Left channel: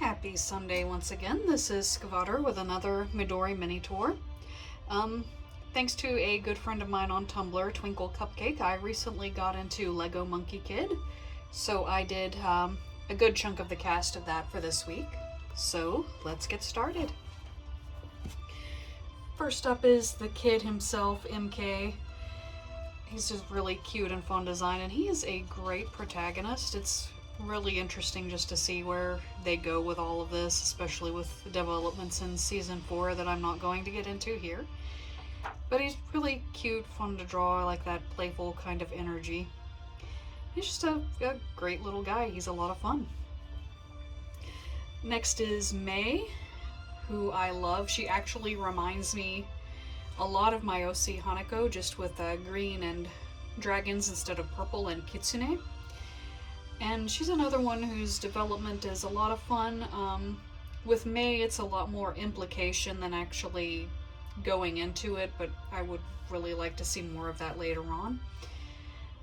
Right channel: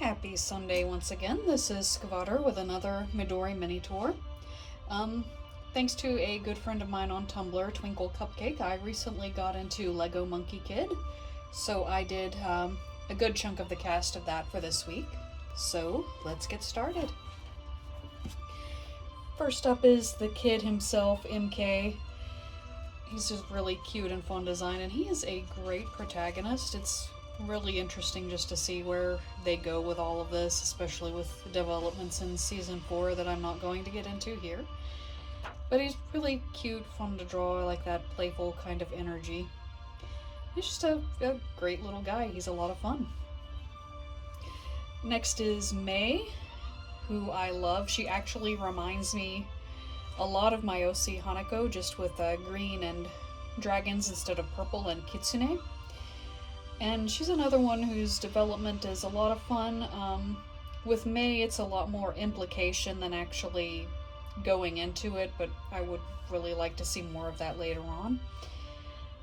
Happy Sunday once again. This is Skavater with another Midori Minitour. Thanks to a good friend of mine on Tumblr, Twinkle Cupcake, I recently got into Lego Monkey Kid, so I did a good chunk of the cast of that for this week. So let's get started. First up is the kid himself, MK. He's just really cute and fun design, and he is a great protagonist. It's really interesting just to see where they go with all of this, especially with developments in season 4 that I'm not going to get into here. But he's really cute, fun to draw. I like that playful kind of energy. He's just a great little guy. He's a lot of fun. Next is May, who I love. She actually reminds me a lot of my OC Hanako, just with green and dragons instead of purple and kitsune. And she's another one whose development is a lot of fun. With May, it's a lot more implication than actually going into it, but I would really like to see more of that later on.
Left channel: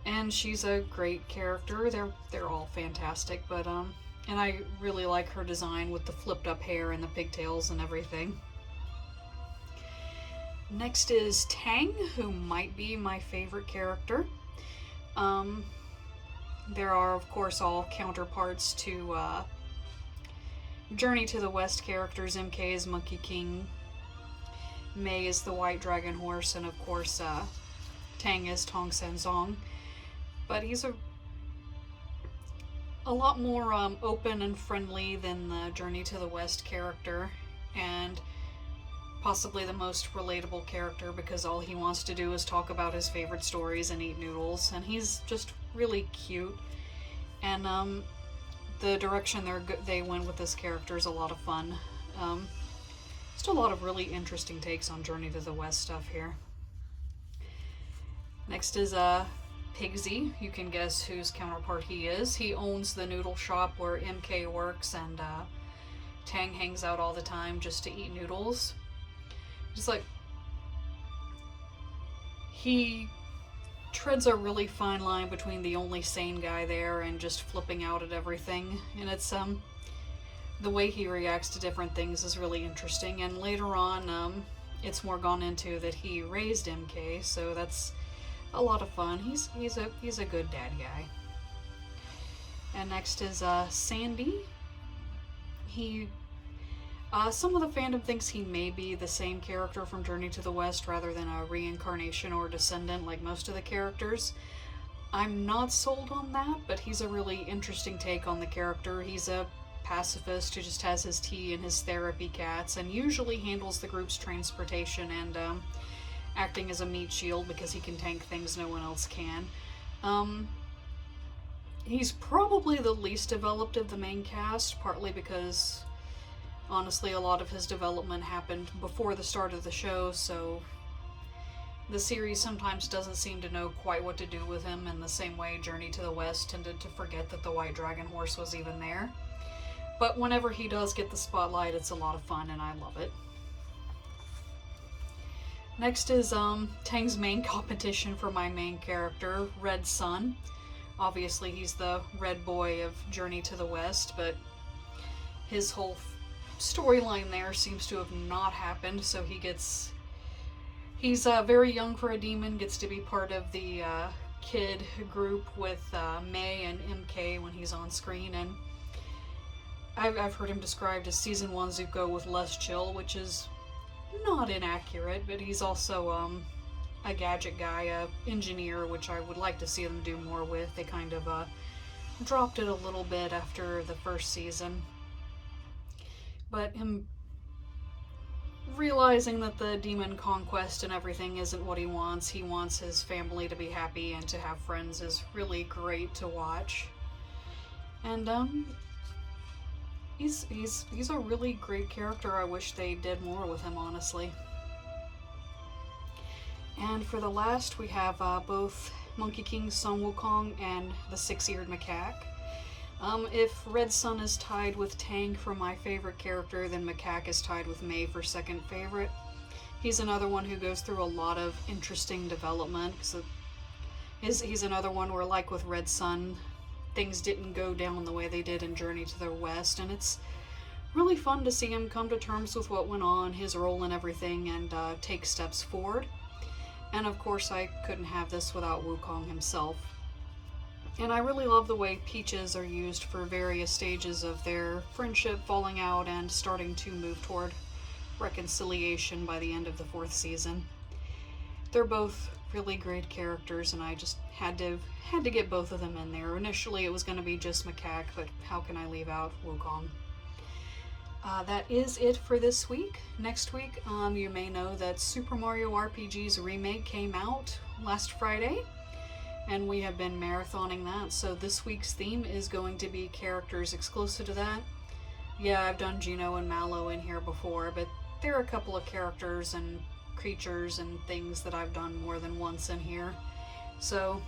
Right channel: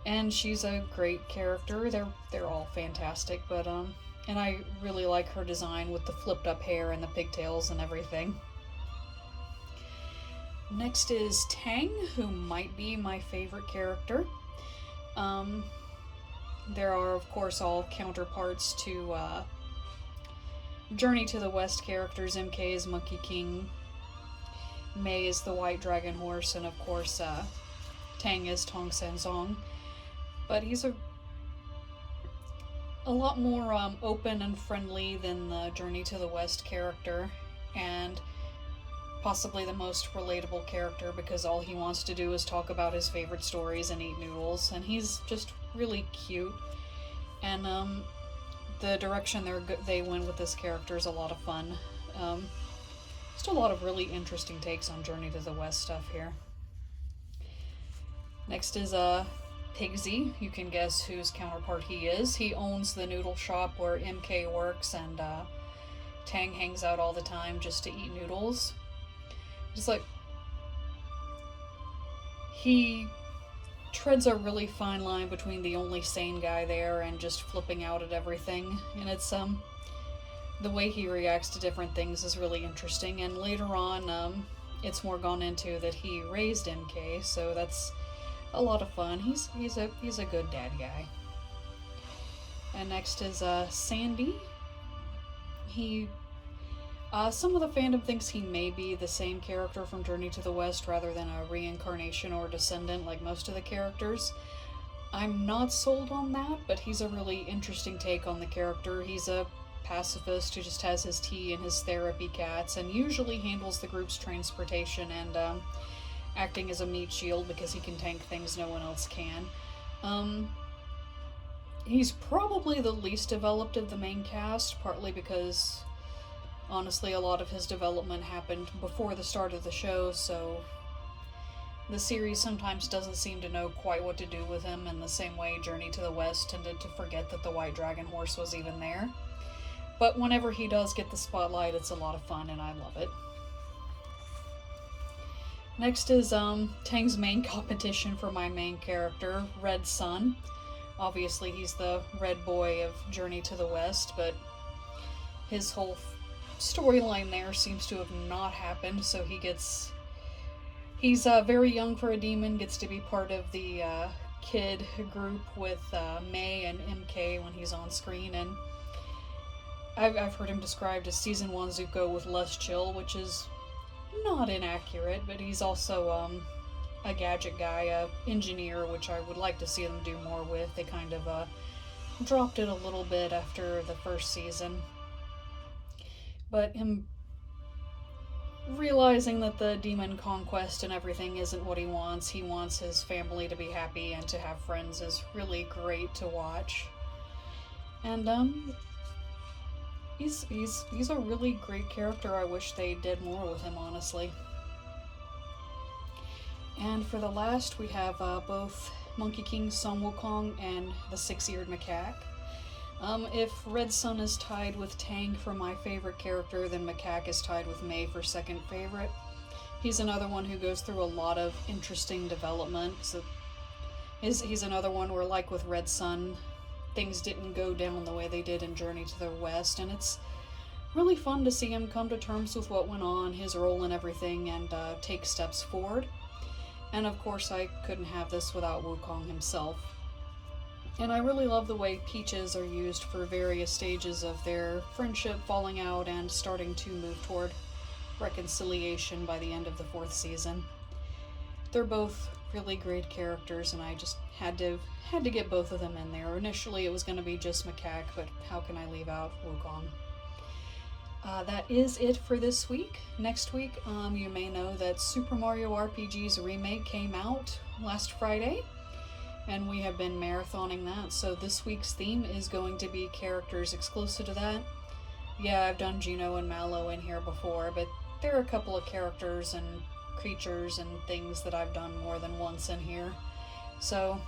And she's a great character. They're all fantastic, but and I really like her design with the flipped up hair and the pigtails and everything. Next is Tang, who might be my favorite character. There are, of course, all counterparts to Journey to the West characters. MK is Monkey King, May is the White Dragon Horse, and of course Tang is Tong Sanzong. But he's a lot more open and friendly than the Journey to the West character, and possibly the most relatable character because all he wants to do is talk about his favorite stories and eat noodles, and he's just really cute. And the direction they went with this character is a lot of fun. Just a lot of really interesting takes on Journey to the West stuff here. Next is Pigsy. You can guess whose counterpart he is. He owns the noodle shop where MK works, and Tang hangs out all the time just to eat noodles. Just like, he treads a really fine line between the only sane guy there and just flipping out at everything. And it's the way he reacts to different things is really interesting. And later on, it's more gone into that he raised MK, so that's a lot of fun. He's a good dad guy. And next is Sandy. Some of the fandom thinks he may be the same character from Journey to the West rather than a reincarnation or descendant like most of the characters. I'm not sold on that, but he's a really interesting take on the character. He's a pacifist who just has his tea and his therapy cats, and usually handles the group's transportation and acting as a meat shield because he can tank things no one else can. He's probably the least developed of the main cast, partly because honestly, a lot of his development happened before the start of the show, so the series sometimes doesn't seem to know quite what to do with him, in the same way Journey to the West tended to forget that the White Dragon Horse was even there. But whenever he does get the spotlight, it's a lot of fun, and I love it. Next is Tang's main competition for my main character, Red Sun. Obviously, he's the red boy of Journey to the West, but his whole storyline there seems to have not happened, so he's very young for a demon, gets to be part of the kid group with May and MK when he's on screen, and I've heard him described as season 1 Zuko with less chill, which is not inaccurate, but he's also a gadget guy, a engineer, which I would like to see them do more with. They kind of dropped it a little bit after the first season. But him realizing that the demon conquest and everything isn't what he wants his family to be happy and to have friends, is really great to watch. And he's a really great character. I wish they did more with him, honestly. And for the last, we have both Monkey King Sun Wukong and the Six-Eared Macaque. If Red Sun is tied with Tang for my favorite character, then Macaque is tied with May for second favorite. He's another one who goes through a lot of interesting development, because he's another one where, like with Red Sun, things didn't go down the way they did in Journey to the West, and it's really fun to see him come to terms with what went on, his role and everything, and take steps forward. And of course, I couldn't have this without Wukong himself. And I really love the way peaches are used for various stages of their friendship falling out and starting to move toward reconciliation by the end of the 4th season. They're both really great characters, and I just had to get both of them in there. Initially, it was going to be just Macaque, but how can I leave out Wukong? That is it for this week. Next week, you may know that Super Mario RPG's remake came out last Friday, and we have been marathoning that, so this week's theme is going to be characters exclusive to that. Yeah, I've done Geno and Mallow in here before, but there are a couple of characters and creatures and things that I've done more than once in here. So,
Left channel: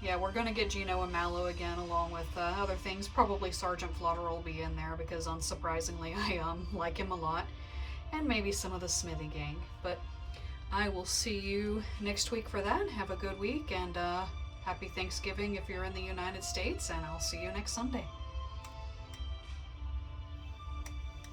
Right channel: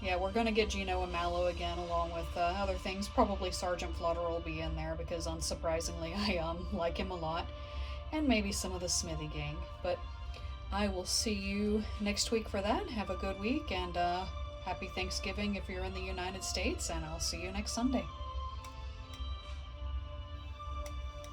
yeah, we're going to get Geno and Mallow again, along with other things. Probably Sergeant Flutter will be in there, because unsurprisingly, I like him a lot. And maybe some of the Smithy gang. But I will see you next week for that. Have a good week, and happy Thanksgiving if you're in the United States, and I'll see you next Sunday.